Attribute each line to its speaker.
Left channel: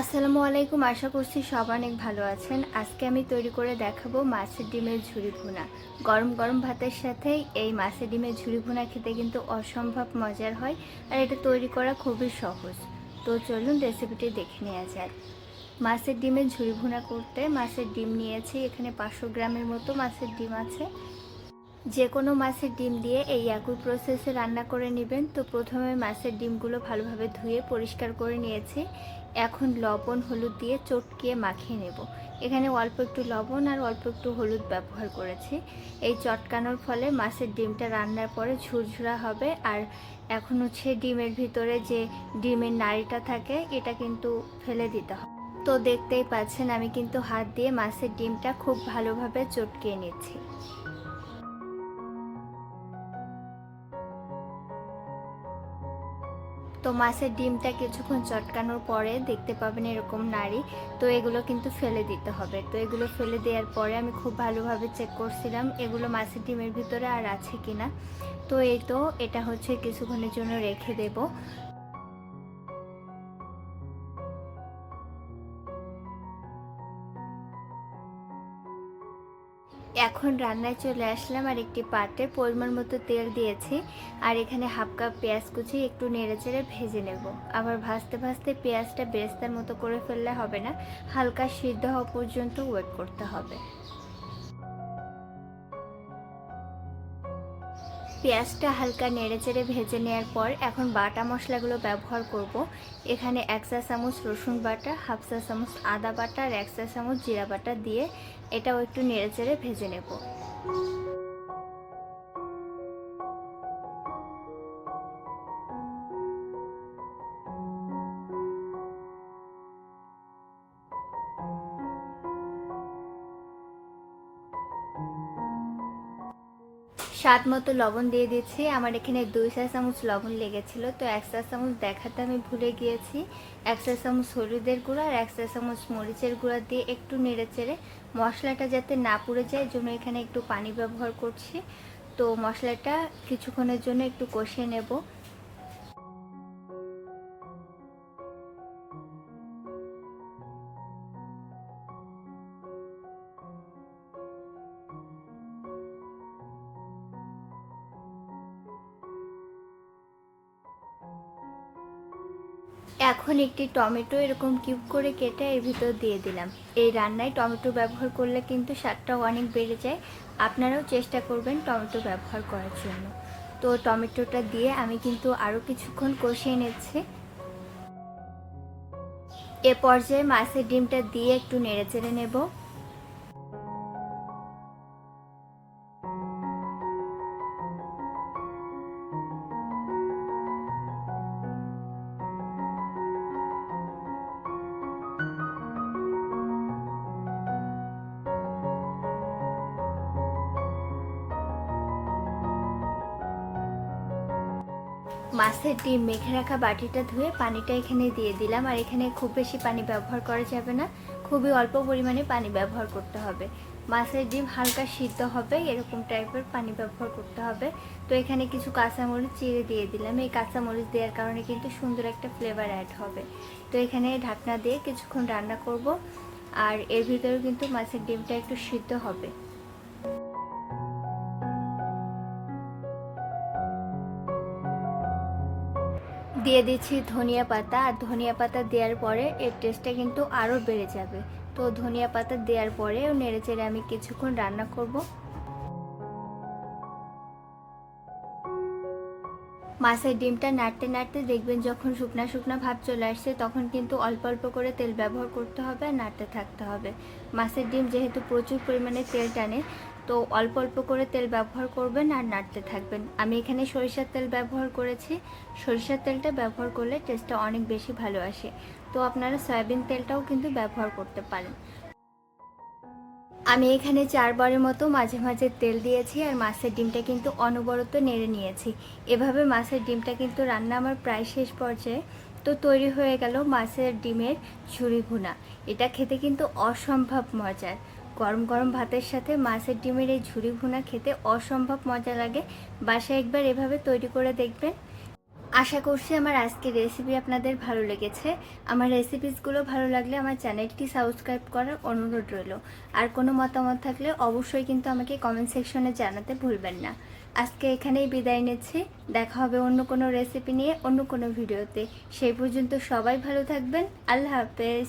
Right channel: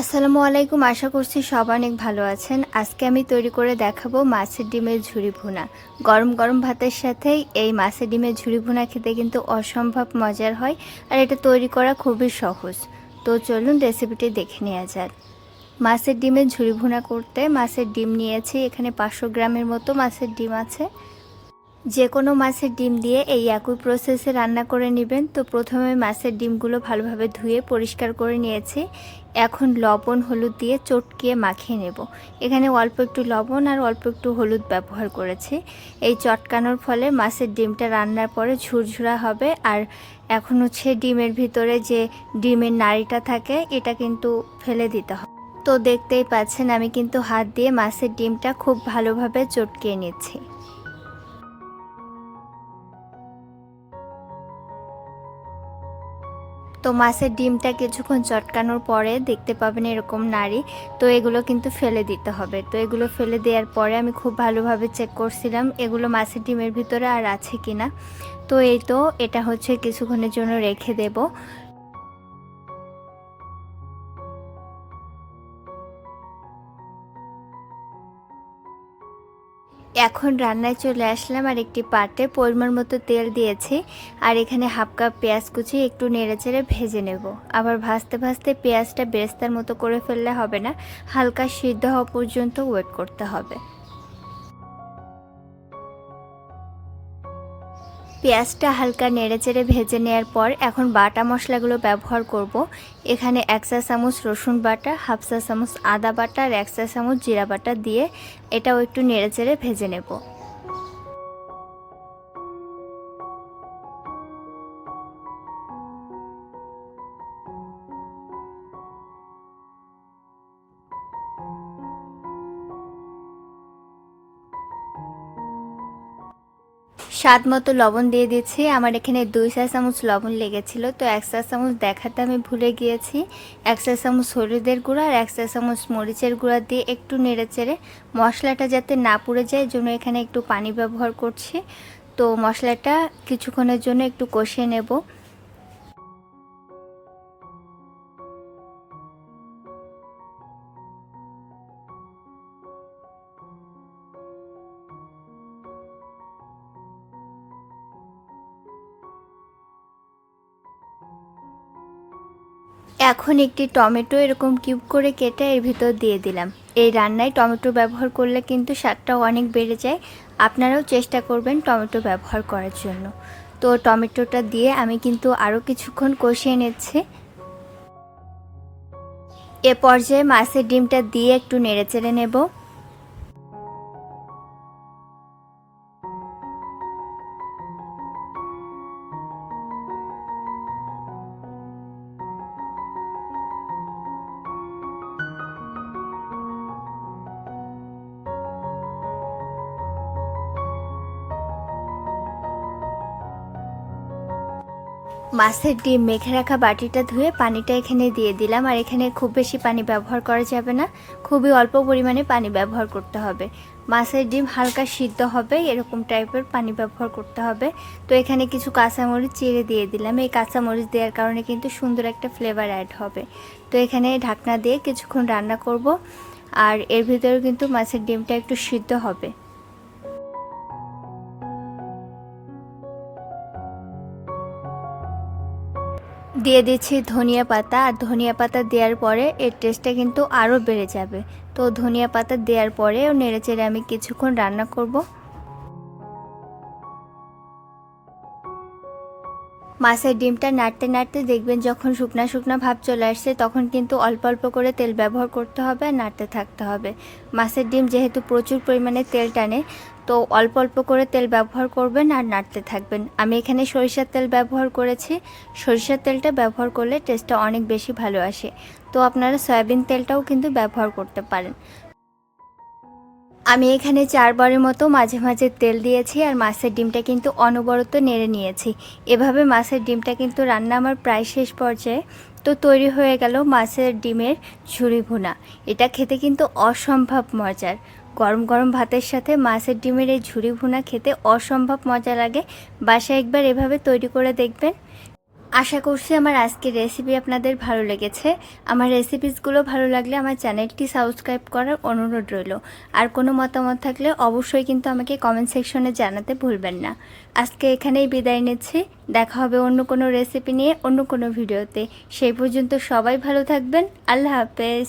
Speaker 1: আসসালামু আলাইকুম, আশা করছি সব অনেক ভালো আছেন। আজকে আমি তৈরি করে দেখাবো মাছের ডিমের ঝুড়ি ভুনা। গরম গরম ভাতের সাথে এই মাছের ডিমের ঝুড়ি ভুনা খেতে কিন্তু অসম্ভব মজার হয় আর এটা তৈরি করা খুবই সহজ। তো চলুন রেসিপিটি দেখে নেওয়া যাক। মাছের ডিমের ঝুড়ি ভুনা করতে মাছের ডিম নিয়েছি, এখানে পাঁচশো গ্রামের মতো মাছের ডিম আছে। যে কোনো মাছের ডিম দিয়ে এই একই প্রসেসে রান্না করে নেবেন। তো প্রথমে মাছের ডিমগুলো ভালোভাবে ধুয়ে পরিষ্কার করে নিয়েছি। এখন লবণ, হলুদ দিয়ে চটকিয়ে মাখিয়ে নেব। এখানে অল্প একটু লবণ আর অল্প একটু হলুদ ব্যবহার করেছি। এই চটকানোর ফলে মাছের ডিমটা রান্নার পরে ঝুরঝুরা হবে। আর এখন হচ্ছে ডিমের ভিতরে যে ডিমের নাড়িটা থাকে, এটা কিন্তু ফেলে দিতে হবে। তো দেখতেই পাচ্ছেন, আমি কিন্তু হাত দিয়ে মাছের ডিমটা খুব ভালোভাবে চটকিয়ে নিচ্ছি। তো মাছের ডিমটা কিছুক্ষণ চটকানোর পরে দেখতে পাবেন এরকম নারী তো এগুলো কিন্তু ফেলে দিতে হবে। তো এগুলো ফেলে দেওয়ার পরে আমি খুব ভালোভাবে চেক করছিলাম, এগুলো মাছের ডিমের ভিতরে আর আছে কি না তো এই তো, এটা হচ্ছে কিছুক্ষণের জন্য রেখে দেব। এখন রান্নায় চলে আসলাম আর একটি পাটে পরিমাণ মতো তেল দিয়েছি আর এখানে হাফ কাপ পেঁয়াজ কুচি একটু নেড়ে চেড়ে ভেজে নেব। আবার ভাজতে ভাজতে পেঁয়াজটা বেরেস্তার মতো করে ফেললে হবে না, হালকা সিদ্ধ হওয়া পর্যন্ত ওয়েট করতে হবে। পেঁয়াজটা হালকা নেড়ে চেড়ে ভেজে নেওয়ার পর এখন বাটা মশলাগুলো ব্যবহার করব। এখানে এক চা চামচ রসুন বাটা, হাফ চা চামচ আদা বাটা আর এক চা চামচ জিরা বাটা দিয়ে এটাও একটু নেড়ে চেড়ে ভেজে নেব। স্বাদ মতো লবণ দিয়ে দিচ্ছি। আমার এখানে দুই চা চামচ লবণ লেগেছিল, তো এক চা চামচ দেখাতে আমি ভুলে গিয়েছি। এক চা চামচ হলুদের গুঁড়ো আর এক চা চামচ মরিচের গুঁড়া দিয়ে একটু নেড়েচেড়ে মশলাটা যাতে না পুড়ে যায় জন্য এখানে একটু পানি ব্যবহার করছি। তো মশলাটা কিছুক্ষণের জন্য একটু কষিয়ে নেব। এখন একটি টমেটো এরকম কিউব করে কেটে এর ভিতর দিয়ে দিলাম। এই রান্নায় টমেটো ব্যবহার করলে কিন্তু স্বাদটা অনেক বেড়ে যায়। আপনারাও চেষ্টা করবেন টমেটো ব্যবহার করার জন্য। তো টমেটোটা দিয়ে আমি কিন্তু আরও কিছুক্ষণ কষিয়ে নিচ্ছি। এ পর্যায়ে মাছের ডিমটা দিয়ে একটু নেড়ে চেড়ে নেব। মাছের ডিম মেখে রাখা বাটিটা ধুয়ে পানিটা এখানে দিয়ে দিলাম। আর এখানে খুব বেশি পানি ব্যবহার করা যাবে না। খুবই অল্প পরিমাণে পানি ব্যবহার করতে হবে। মাছের ডিম হালকা সিদ্ধ হবে, এরকম টাইপের পানি ব্যবহার করতে হবে। তো এখানে কিছু কাঁচামরিচ চিড়ে দিয়ে দিলাম। এই কাঁচামরিচ দেওয়ার কারণে কিন্তু সুন্দর একটা ফ্লেভার অ্যাড হবে। তো এখানে ঢাকনা দিয়ে কিছুক্ষণ রান্না করব। আর এর ভিতরে কিন্তু মাছের ডিমটা একটু সিদ্ধ হবে। দিয়ে দিচ্ছি ধনিয়া পাতা, আর ধনিয়া পাতা দেওয়ার পরে এর টেস্টটা কিন্তু আরও বেড়ে যাবে। তো ধনিয়া পাতা দেওয়ার পরেও নেড়ে চেড়ে আমি কিছুক্ষণ রান্না করব। মাছের ডিমটা নাড়তে নাড়তে দেখবেন যখন শুকনা শুকনা ভাব চলে আসছে, তখন কিন্তু অল্প অল্প করে তেল ব্যবহার করতে হবে আর নাড়তে থাকতে হবে। মাছের ডিম যেহেতু প্রচুর পরিমাণে তেল টানে, তো অল্প অল্প করে তেল ব্যবহার করবেন আর নাড়তে থাকবেন। আমি এখানে সরিষার তেল ব্যবহার করেছি। সরিষার তেলটা ব্যবহার করলে টেস্টটা অনেক বেশি ভালো আসে। তো আপনারা সয়াবিন তেলটাও কিন্তু ব্যবহার করতে পারেন। আমি এখানে চারবারের মতো মাঝে মাঝে তেল দিয়েছি আর মাছের ডিমটা কিন্তু অনবরত নেড়ে নিয়েছি। এভাবে মাছের ডিমটা কিন্তু রান্না আমার প্রায় শেষ পর্যায়ে। তো তৈরি হয়ে গেল মাছের ডিমের ঝুড়ি ভুনা। এটা খেতে কিন্তু অসম্ভব মজার। গরম গরম ভাতের সাথে মাছের ডিমের এই ঝুড়ি ভুনা খেতে অসম্ভব মজা লাগে। বাসায় একবার এভাবে তৈরি করে দেখবেন। আশা করছি আমার আজকের রেসিপি আপনাদের ভালো লেগেছে। আমার রেসিপিসগুলো ভালো লাগলে আমার চ্যানেলটি সাবস্ক্রাইব করার অনুরোধ রইল। আর কোনো মতামত থাকলে অবশ্যই কিন্তু আমাকে কমেন্ট সেকশনে জানাতে ভুলবেন না। আজকে এখানেই বিদায় নিচ্ছি। দেখা হবে অন্য কোনো রেসিপি নিয়ে অন্য কোনো ভিডিওতে সেই পর্যন্ত সবাই ভালো থাকবেন। আল্লাহ হাফেজ।